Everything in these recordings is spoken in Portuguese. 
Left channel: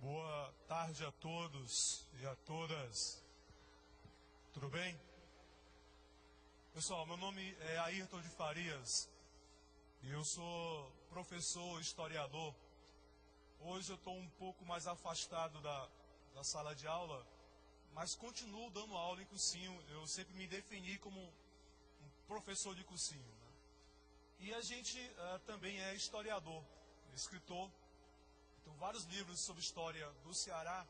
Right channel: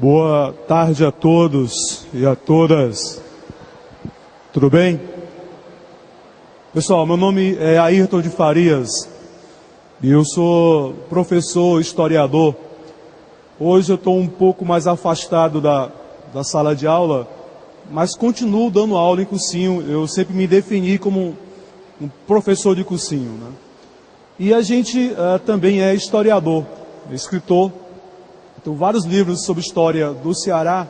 Boa tarde a todos e a todas. Tudo bem? Pessoal, meu nome é Ayrton de Farias e eu sou professor, historiador. Hoje eu estou um pouco mais afastado da sala de aula, mas continuo dando aula em cursinho. Eu sempre me defini como um professor de cursinho, né? E a gente também é historiador, escritor. Tenho vários livros sobre história do Ceará.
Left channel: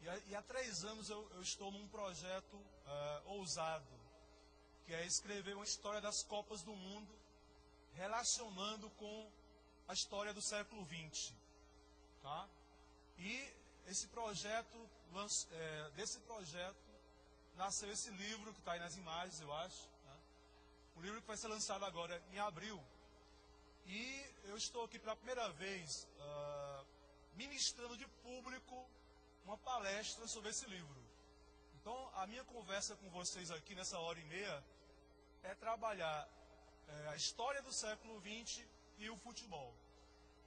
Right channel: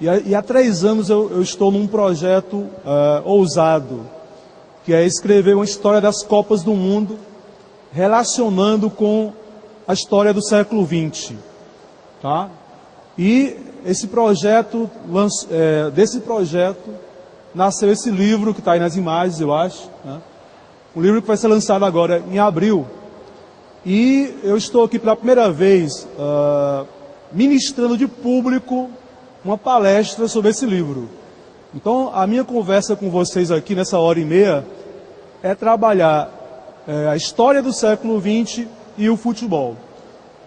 E há 3 anos eu estou num projeto ousado, que é escrever uma história das Copas do Mundo, relacionando com a história do século XX. Tá? E esse projeto, desse projeto nasceu esse livro que está aí nas imagens, eu acho. Né? Um livro que vai ser lançado agora em abril. E eu estou aqui pela primeira vez ministrando de público uma palestra sobre esse livro. Então, a minha conversa com vocês aqui nessa hora e meia é trabalhar a história do século XX e o futebol.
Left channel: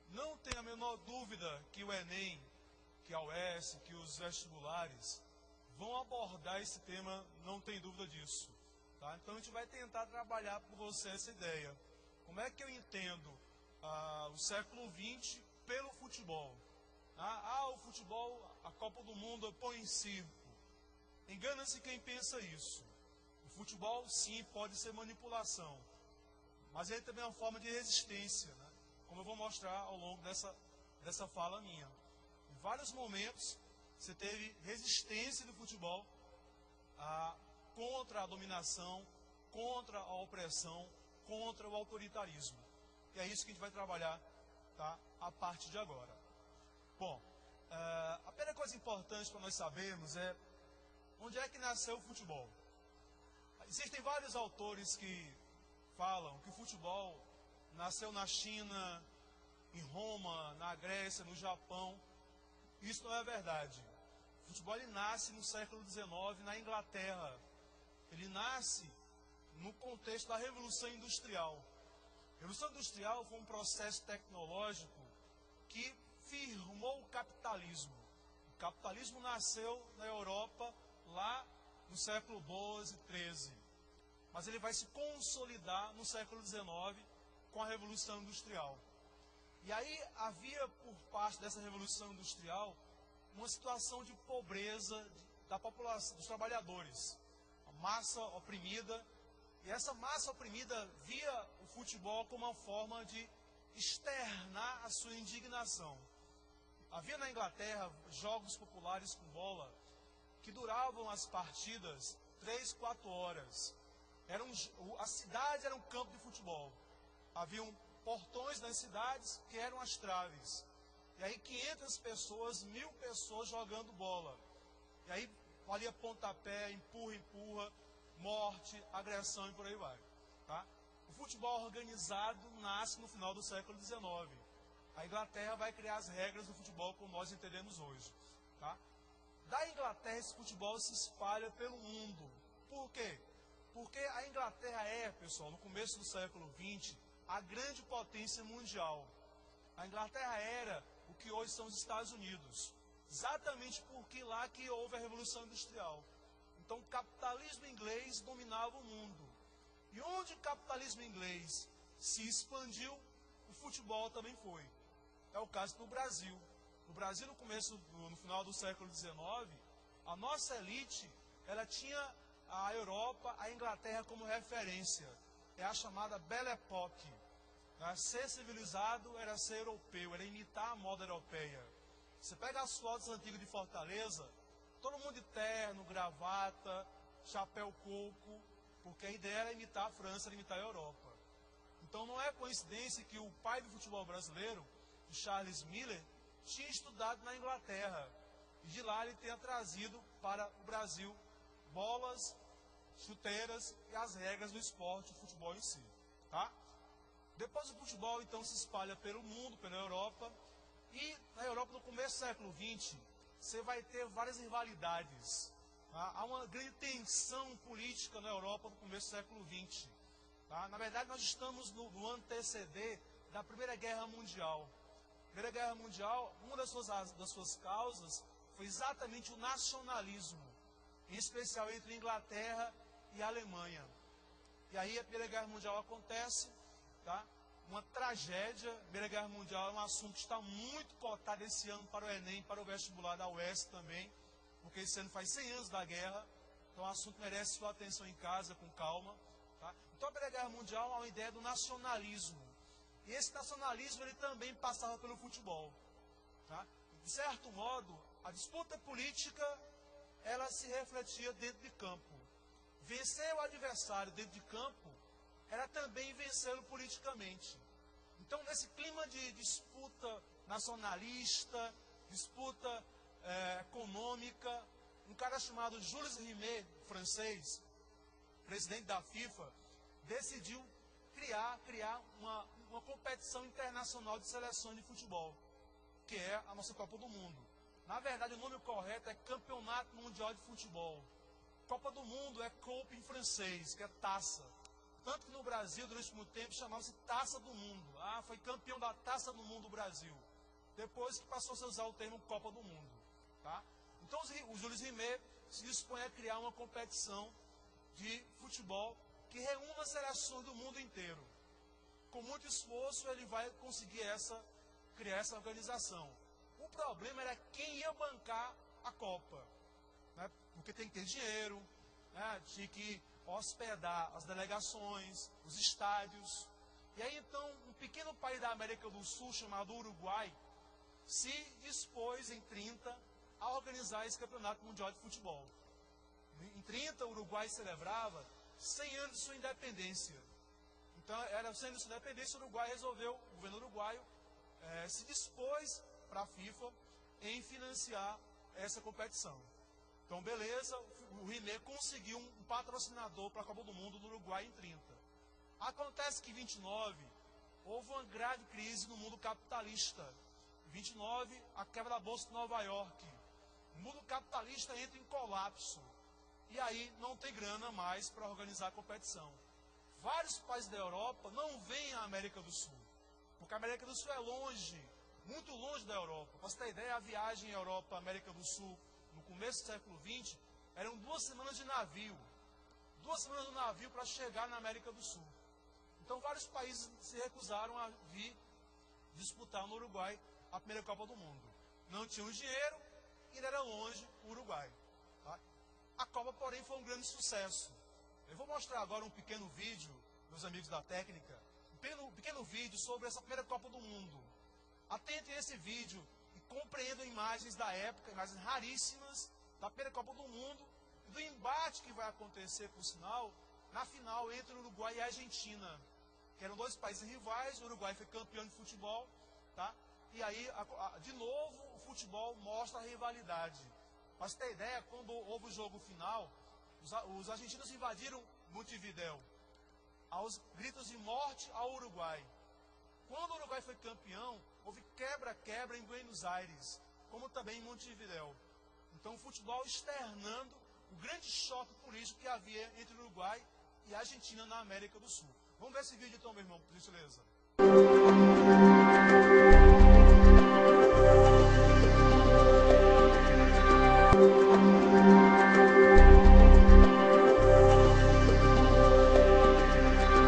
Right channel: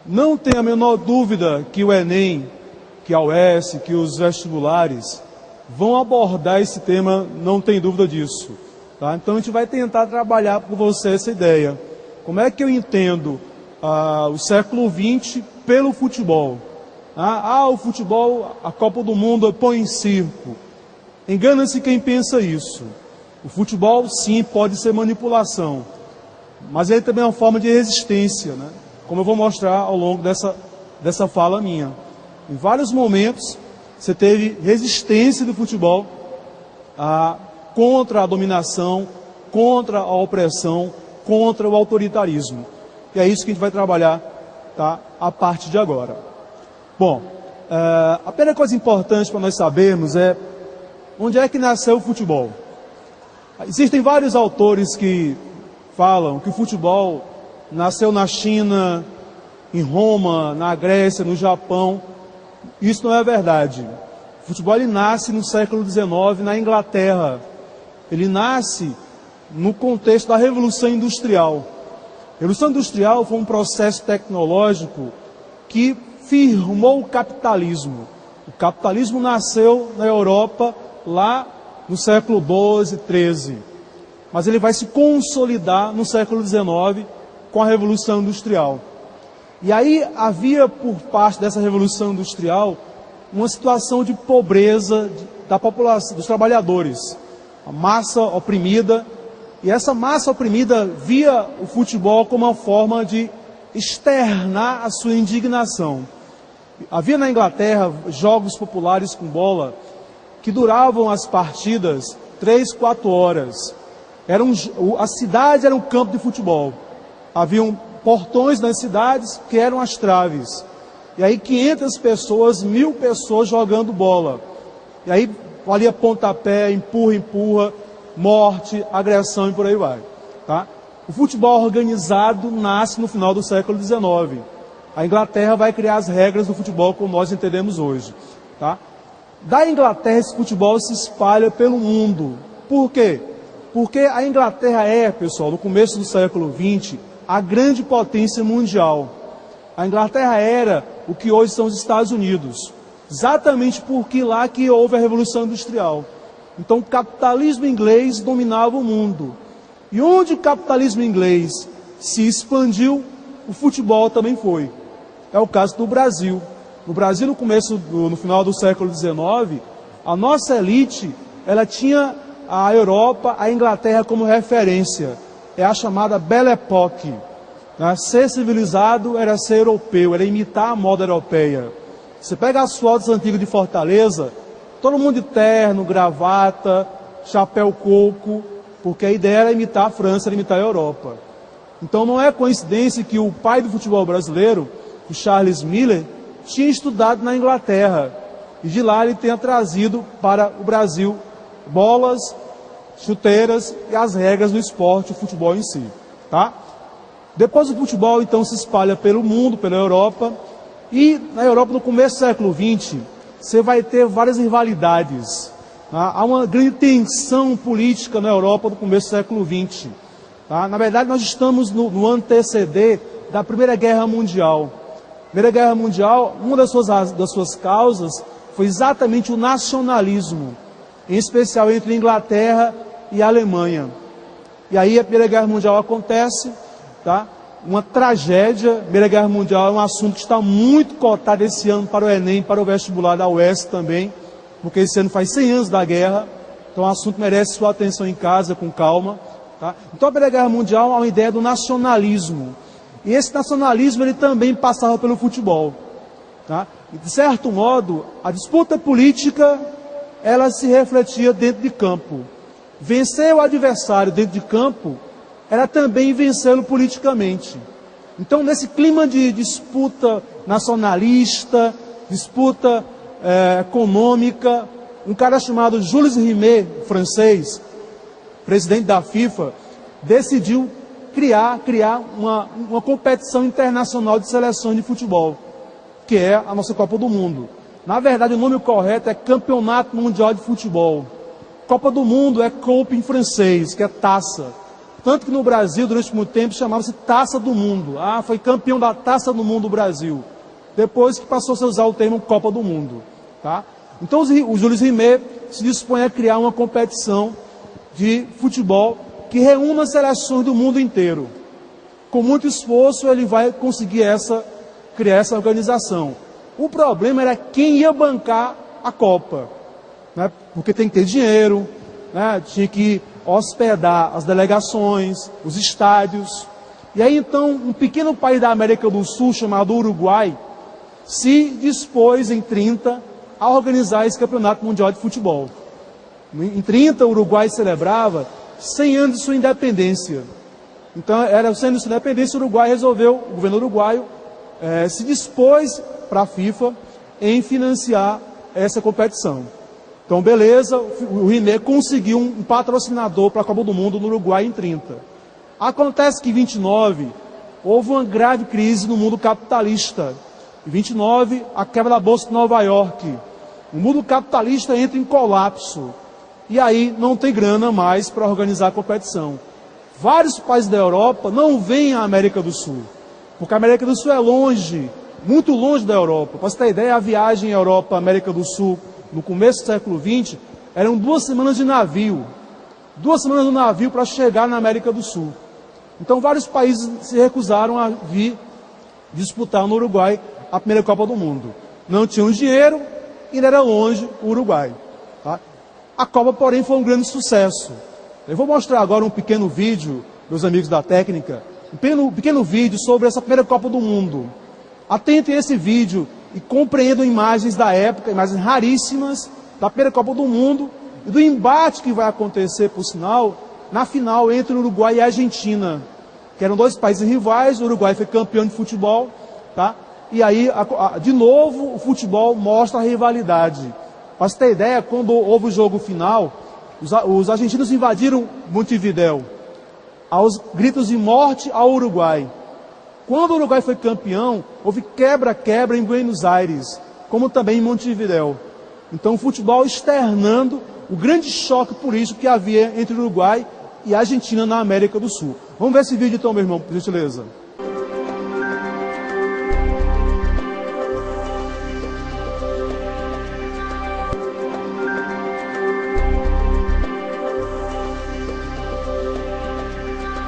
Não tenho a menor dúvida que o Enem, que a UES, que os vestibulares vão abordar esse tema, não tem dúvida disso. Tá? Então, a gente vai tentar trabalhar com você essa ideia. Como é que eu entendo o século XX pelo futebol? O futebol, a Copa do Mundo põe em circo. Engana-se quem pensa isso. O futebol, sim, pode ser manipulação, mas ele também é uma forma de resistência, né? Como eu vou mostrar ao longo dessa fala minha. Em vários momentos, você teve resistência do futebol contra a dominação, contra a opressão, contra o autoritarismo. E é isso que a gente vai trabalhar, tá, a partir de agora. Bom, a primeira coisa importante para nós sabermos é onde é que nasceu o futebol. Existem vários autores que falam que o futebol nasceu na China, em Roma, na Grécia, no Japão. Isso não é verdade. O futebol ele nasce no século XIX na Inglaterra. Ele nasce no contexto da Revolução Industrial. A Revolução Industrial foi um processo tecnológico que firmou o capitalismo. O capitalismo nasceu na Europa lá no século XII, XIII. Mas ele vai se consolidar no século XIX com a Revolução Industrial. E aí havia por parte dessa Revolução Industrial uma situação de pobreza da população, dos trabalhadores. A massa oprimida. E essa massa oprimida via o futebol como uma forma de externar a sua indignação. Havia na Inglaterra jogos populares com bola que duravam as partidas 3, 4 horas. A cidade era um campo de futebol. Haviam portões nas cidades que eram as traves. E aí 500 pessoas, 1000 pessoas jogando bola. E aí valia pontapé, empurra, morte, agressão e por aí vai. Tá? O futebol organizado nasce no final do século XIX. A Inglaterra vai criar as regras do futebol como nós entendemos hoje. Tá? Da Inglaterra, esse futebol se espalha pelo mundo. Por quê? Porque a Inglaterra pessoal, no começo do século XX, a grande potência mundial. A Inglaterra era o que hoje são os Estados Unidos. Exatamente porque lá que houve a Revolução Industrial. Então, o capitalismo inglês dominava o mundo. E onde o capitalismo inglês se expandiu, o futebol também foi. É o caso do Brasil. No Brasil, no final do século XIX, a nossa elite, ela tinha a Europa, a Inglaterra como referência. É a chamada Belle Époque. Né? Ser civilizado era ser europeu, era imitar a moda europeia. Você pega as fotos antigas de Fortaleza, todo mundo de terno, gravata, chapéu coco, porque a ideia era imitar a França, era imitar a Europa. Então não é coincidência que o pai do futebol brasileiro, o Charles Miller, tinha estudado na Inglaterra. E de lá ele tenha trazido para o Brasil bolas, chuteiras e as regras do esporte, o futebol em si. Tá? Depois o futebol então se espalha pelo mundo, pela Europa. E na Europa, no começo do século XX, você vai ter várias rivalidades. Tá? Há uma grande tensão política na Europa no começo do século XX. Tá? Na verdade, nós estamos no anteceder da Primeira Guerra Mundial. Primeira Guerra Mundial, uma das suas causas foi exatamente o nacionalismo, em especial entre a Inglaterra e a Alemanha. E aí a Primeira Guerra Mundial acontece, tá? Uma tragédia. A Primeira Guerra Mundial é um assunto que está muito cotado esse ano para o Enem, para o vestibular da UES também, porque esse ano faz 100 anos da guerra, então o assunto merece sua atenção em casa, com calma. Tá? Então a Primeira Guerra Mundial é uma ideia do nacionalismo, e esse nacionalismo ele também passava pelo futebol. Tá? E, de certo modo, a disputa política ela se refletia dentro de campo. Vencer o adversário dentro de campo era também vencê-lo politicamente. Então, nesse clima de disputa nacionalista, disputa econômica, um cara chamado Jules Rimet, francês, presidente da FIFA, decidiu criar uma competição internacional de seleções de futebol, que é a nossa Copa do Mundo. Na verdade, o nome correto é Campeonato Mundial de Futebol. Copa do Mundo é coupe em francês, que é taça. Tanto que no Brasil, durante muito tempo, chamava-se Taça do Mundo. Ah, foi campeão da Taça do Mundo do Brasil. Depois que passou a usar o termo Copa do Mundo. Tá? Então, o Jules Rimet se dispõe a criar uma competição de futebol que reúna seleções do mundo inteiro. Com muito esforço, ele vai conseguir criar essa organização. O problema era quem ia bancar a Copa, né? Porque tem que ter dinheiro, né? Tinha que hospedar as delegações, os estádios. E aí, então, um pequeno país da América do Sul, chamado Uruguai, se dispôs, em 30, a organizar esse Campeonato Mundial de Futebol. Em 30, o Uruguai celebrava 100 anos de sua independência. Então, era 100 anos de sua independência, o Uruguai resolveu, o governo uruguaio, se dispôs para a FIFA em financiar essa competição. Então, beleza, o Rimet conseguiu um patrocinador para a Copa do Mundo no Uruguai em 30. Acontece que em 29, houve uma grave crise no mundo capitalista. Em 29, a quebra da Bolsa de Nova York. O mundo capitalista entra em colapso. E aí não tem grana mais para organizar a competição. Vários países da Europa não vêm à América do Sul, porque a América do Sul é longe, muito longe da Europa. Para você ter ideia, a viagem Europa-América do Sul, no começo do século XX, eram 2 semanas de navio. 2 semanas de navio para chegar na América do Sul. Então vários países se recusaram a vir disputar no Uruguai a primeira Copa do Mundo. Não tinham dinheiro e ainda era longe o Uruguai. Tá? A Copa, porém, foi um grande sucesso. Eu vou mostrar agora um pequeno vídeo, meus amigos da técnica, um pequeno vídeo sobre essa primeira Copa do Mundo. Atentem a esse vídeo e compreendam imagens da época, imagens raríssimas da primeira Copa do Mundo e do embate que vai acontecer, por sinal, na final entre o Uruguai e a Argentina, que eram 2 países rivais. O Uruguai foi campeão de futebol, tá? E aí, de novo, o futebol mostra a rivalidade. Para você ter ideia, quando houve o jogo final, os argentinos invadiram Montevidéu, aos gritos de morte ao Uruguai. Quando o Uruguai foi campeão, houve quebra-quebra em Buenos Aires, como também em Montevidéu. Então, o futebol externando o grande choque político que havia entre o Uruguai e a Argentina na América do Sul. Vamos ver esse vídeo então, meu irmão, por gentileza.